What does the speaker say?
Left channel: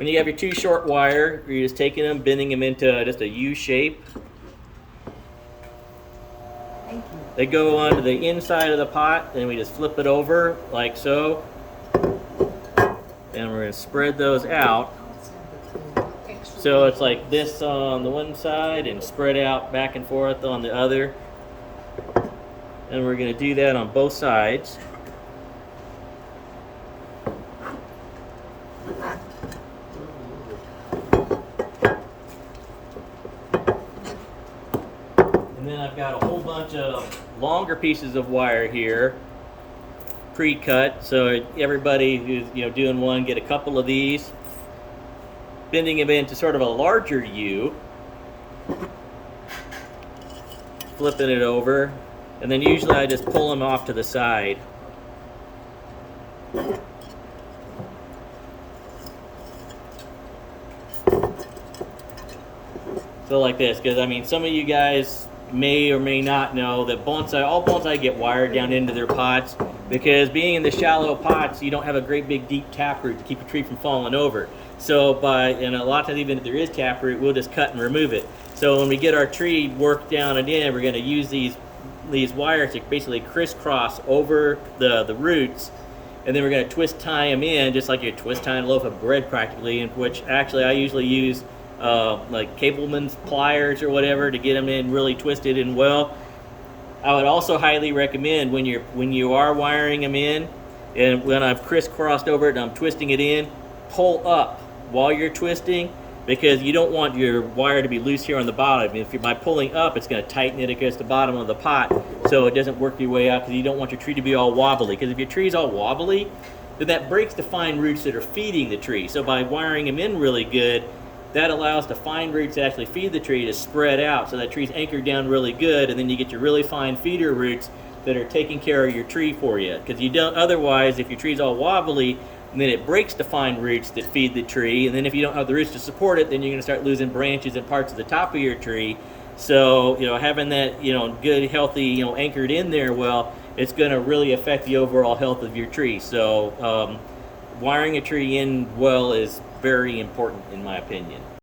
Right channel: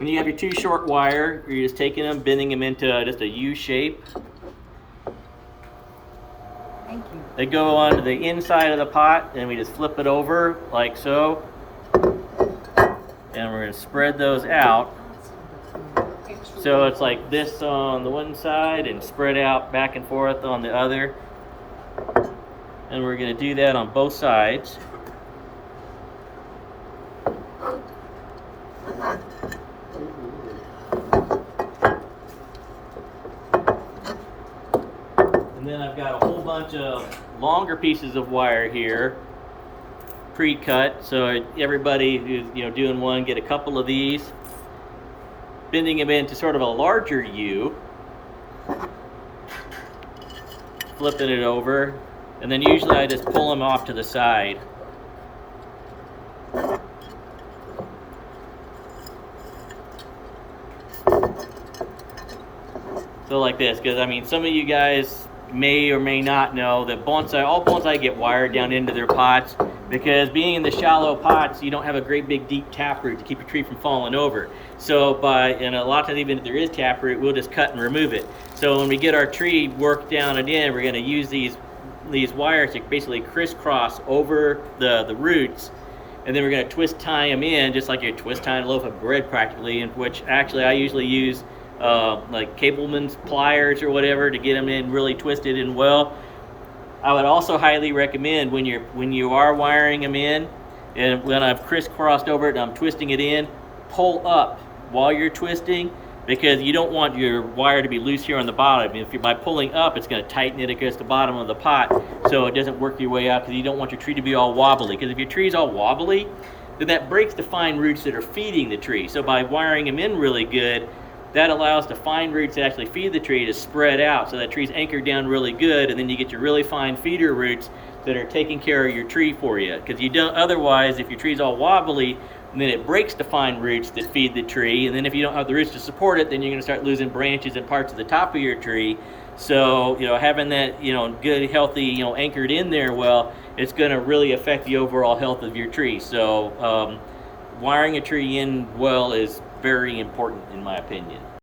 When you have your two short wire, you're just taking them, bending them into just a U shape. Thank you. They go onto the inside of the pot, and we just flip it over like so. And we're going to spread those out. So it's like this on the one side and spread out back and forth on the other. And we're going to do that on both sides. And then I've got a whole bunch of longer pieces of wire here, pre-cut, so everybody who's doing one get a couple of these, bending them into sort of a larger U, flipping it over, and then usually I just pull them off to the side. So like this, because I mean some of you guys may or may not know that all bonsai get wired down into their pots, because being in the shallow pots, you don't have a great big deep taproot to keep your tree from falling over. So and a lot of times, even if there is taproot, we'll just cut and remove it. So when we get our tree worked down and in, we're going to use these wires to basically crisscross over the roots, and then we're going to twist tie them in just like you're twist tying a loaf of bread practically, in which actually I usually use like Cableman's pliers or whatever to get them in really twisted and well. I would also highly recommend when you are wiring them in, and when I've crisscrossed over it and I'm twisting it in, pull up while you're twisting, because you don't want your wire to be loose here on the bottom. By pulling up, it's going to tighten it against the bottom of the pot, so it doesn't work your way out, because you don't want your tree to be all wobbly. Because if your tree's all wobbly, then that breaks the fine roots that are feeding the tree. So by wiring them in really good, that allows the fine roots to actually feed the tree to spread out, so that tree's anchored down really good, and then you get your really fine feeder roots that are taking care of your tree for you. Because you don't, otherwise, if your tree's all wobbly, then it breaks the fine roots that feed the tree, and then if you don't have the roots to support it, then you're going to start losing branches and parts of the top of your tree. So having that good, healthy, anchored in there well, it's going to really affect the overall health of your tree. So wiring a tree in well is very important in my opinion.